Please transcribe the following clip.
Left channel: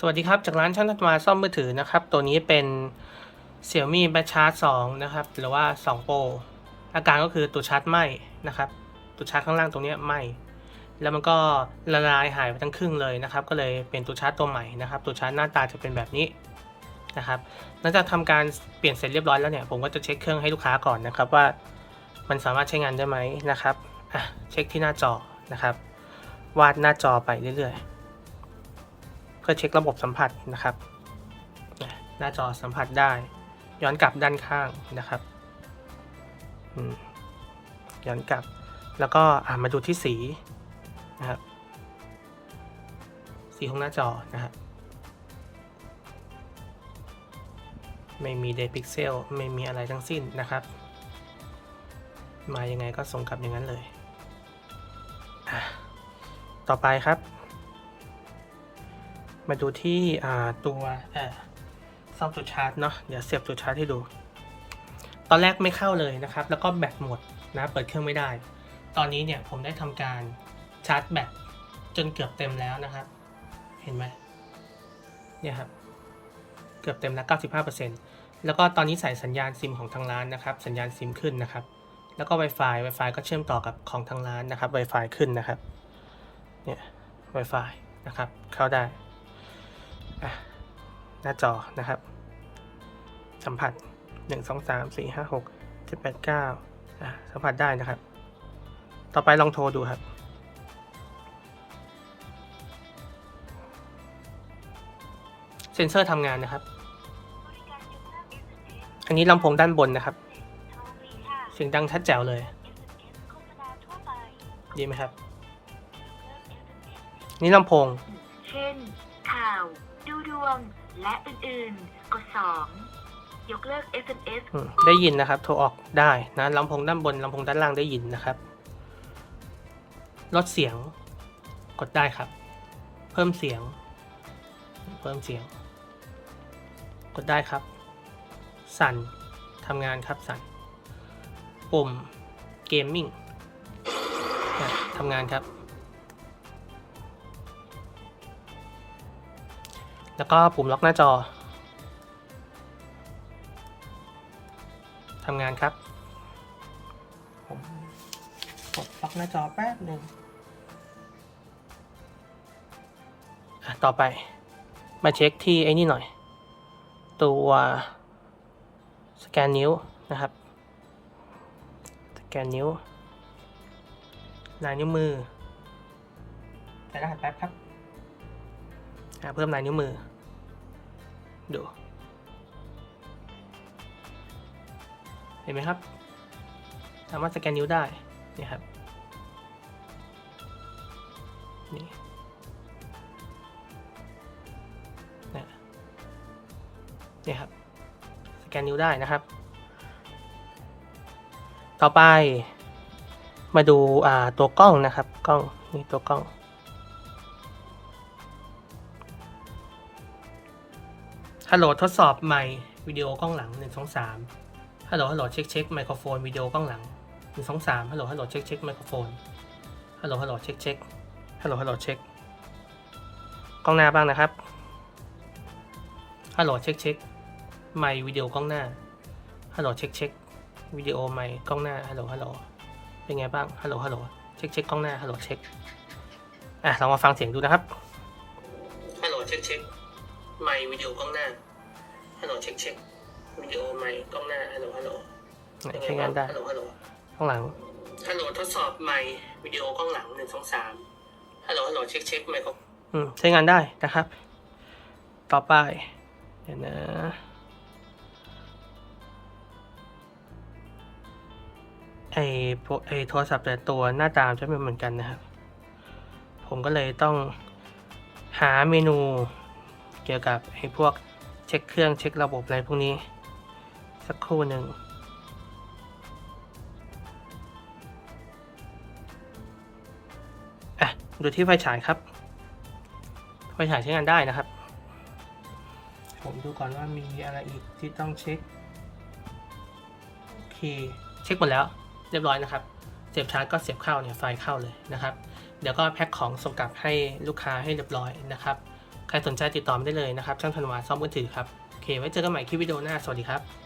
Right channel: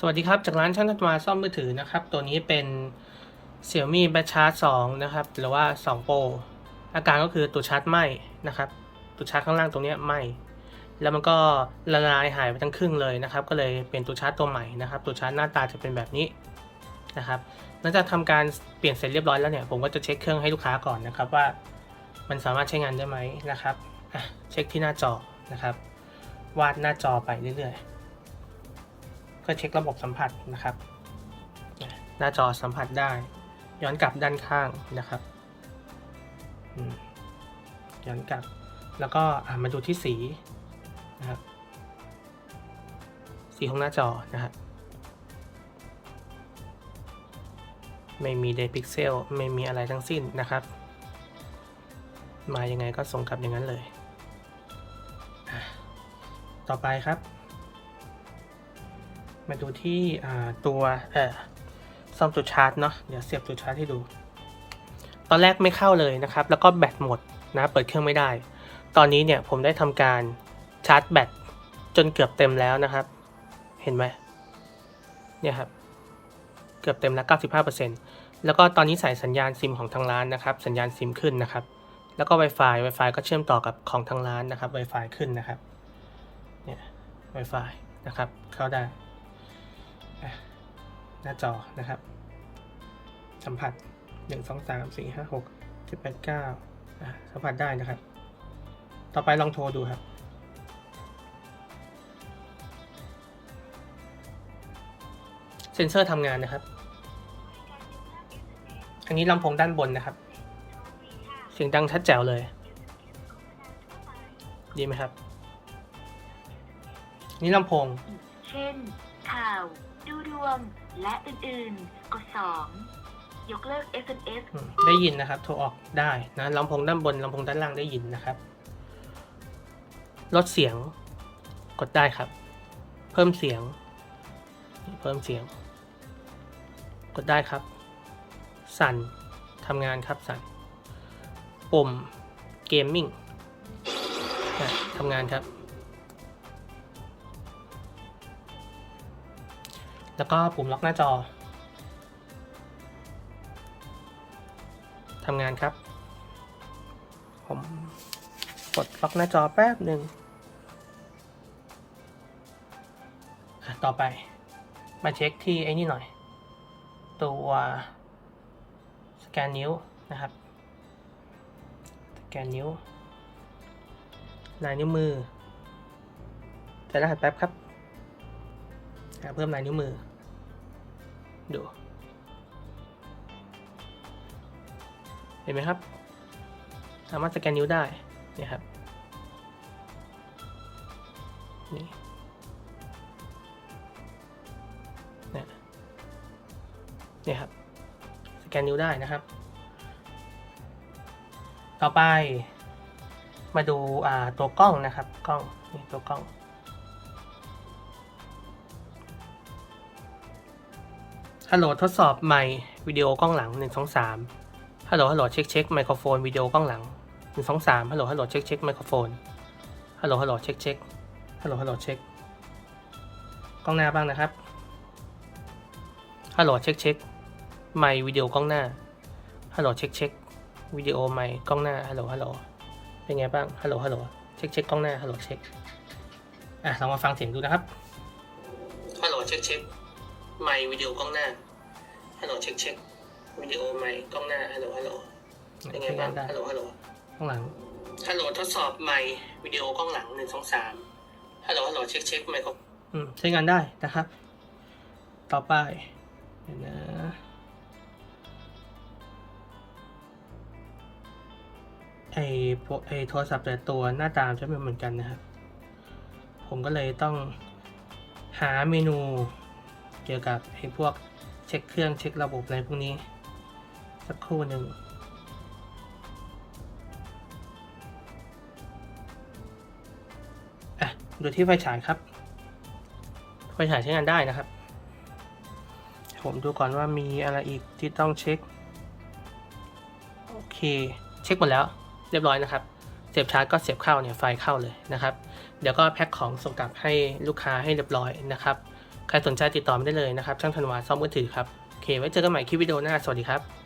สวัสดีครับ จากร้านช่างทัตมาซ่อมมือถือนะครับ ตัวนี้เป็น Xiaomi b a t c h a r 2นะครับ หรือว่า 2 Pro อาการก็คือตัวชาร์จไหม้นะครับ ตัวชาร์จข้างล่างตรงนี้ไหม้แล้วมันก็ละลายหายไปทั้งครึ่งเลยนะครับ ก็เลยเป็นตัวชาร์จตัวใหม่นะครับ ตัวชาร์จหน้าตาจะเป็นแบบนี้นะครับหลังจากทำการเปลี่ยนเสร็จเรียบร้อยแล้วเนี่ย ผมก็จะเช็คเครื่องให้ลูกค้าก่อนนะครับว่ามันสามารถใช้งานได้ไหมนะครับอะเช็คที่หน้าจอนะครับ วาดหน้าจอไปเรื่อยๆ พื่อเช็คระบบสัมผัสนะครับ หน้าจอสัมผัสได้ ย้อนกลับด้านข้างนะครับย้อนกลับ แล้วก็มาดูที่สีนะครับ สีของหน้าจอนะครับไม่มีเดพิกเซลไม่มีอะไรทั้งสิ้นนะครับ มายังไงก็ส่งกลับอย่างนั้นเลย ต่อไปครับ มาดูที่ตัวเออซ่อมจุดชาร์จเนาะเดี๋ยวเสียบจุดชาร์จให้ดู ตอนแรกไม่เข้าเลยนะครับ แล้วก็แบตหมดนะเปิดเครื่องไม่ได้ ตอนนี้เนี่ยผมได้ทำการชาร์จแบตจนเกือบเต็มแล้วนะครับ เห็นไหมเนี่ยครับเกือบเต็มแล้ว95%แล้วก็ตอนนี้ใส่สัญญาณซิมของทางร้านนะครับ สัญญาณซิมขึ้นนะครับ แล้วก็ Wi-Fi Wi-Fi ก็เชื่อมต่อกับของทางร้านนะครับ Wi-Fi ขึ้นนะครับเนี่ย Wi-Fi นะครับ เข้าได้ หน้าจอนะครับ สัมผัส 1 2 3 4 5 6 7 8 9อะสัมผัสได้นะครับ ต่อไปลองโทรดูครับเซ็นเซอร์ทำงานนะครับ อันนี้ลำโพงด้านบนนะครับ เสียงดังชัดแจ๋วเลย ดีไหมครับ นี่ลำโพง เช่นข่าว ดูดวง และอื่นๆ กด 2 ยกเลิก SMS อืมได้ยินนะครับ โทรออกได้นะลำโพงด้านบนลำโพงด้านล่างได้ยินนะครับ ลดเสียง กดได้ครับ เพิ่มเสียง เพิ่มเสียง กดได้ครับ สั่นทำงานครับสั่น ปุ่มเกมมิ่งนะทำงานครับ แล้วก็ปุ่มล็อกหน้าจอทำงานครับ ผมกดล็อกหน้าจอแป๊บหนึ่งอะต่อไปมาเช็คที่ไอ้นี่หน่อย ตัวสแกนนิ้วนะครับ สแกนนิ้วลายนิ้วมือจะรหัสแป๊บครับ อะเพิ่มลายนิ้วมือ ดู เห็นไหมครับ สามารถสแกนนิ้วได้เนี่ยครับนี่เนี่ยเนี่ครับ สแกนนิ้วได้นะครับ ต่อไปมาดูตัวกล้องนะครับ กล้องนี่ตัวกล้อง ฮัลโหลทดสอบไมค์วิดีโอกล้องหลัง 1 2 3ฮัลโหลฮัลโหลเช็คเช็คไมโครโฟนวิดีโอกล้องหลัง 1 2 3ฮัลโหลฮัลโหลเช็คเช็คไมโครโฟนฮัลโหลฮัลโหลเช็คเช็คฮัลโหลฮัลโหลเช็คกล้องหน้าบ้างนะครับฮัลโหลเช็คเช็คไมค์วิดีโอกล้องหน้าฮัลโหลเช็คเช็ควิดีโอไมค์กล้องหน้าฮัลโหลฮัลโหลเป็นไงบ้างฮัลโหลฮัลโหลเช็คเช็คกล้องหน้าฮัลโหลเช็คอะลองมาฟังเสียงดูนะครับฮัลโหลเช็คเช็ค ไมค์วิดีโอกล้องหน้าฮัลโหลเช็คเช็ควิดีโอไมค์กล้องหน้าฮัลโหลฮัลโหลเป็นไงบ้างฮัลโหลฮัลโหลข้างหลังฮัลโหลทดสอบไมค์วิดีโอกล้องหลังหนึ่งสองสามฮัลโหลฮัลโหลเช็คเช็คไมโครอืมใช้งานได้นะครับ ต่อไปเดี๋ยวนะไอพวกไอโทรศัพท์แต่ตัวหน้าตาจะไม่เหมือนกันนะครับ ผมก็เลยต้องหาเมนู เกี่ยวกับไอพวกเช็คเครื่องเช็คระบบอะไรพวกนี้ สักครู่หนึ่งอะดูที่ไฟฉายครับไฟฉายใช้งานได้นะครับ ผมดูก่อนว่ามีอะไรอีกที่ต้องเช็ค โอเค เช็คหมดแล้ว เรียบร้อยนะครับ เสียบชาร์จก็เสียบเข้าเนี่ยไฟเข้าเลยนะครับ เดี๋ยวก็แพ็คของส่งกลับให้ลูกค้าให้เรียบร้อยนะครับ ใครสนใจติดต่อมาได้เลยนะครับ ช่างธันวาซ่อมมือถือครับ โอเค ไว้เจอกันใหม่คลิปวิดีโอหน้า สวัสดีครับ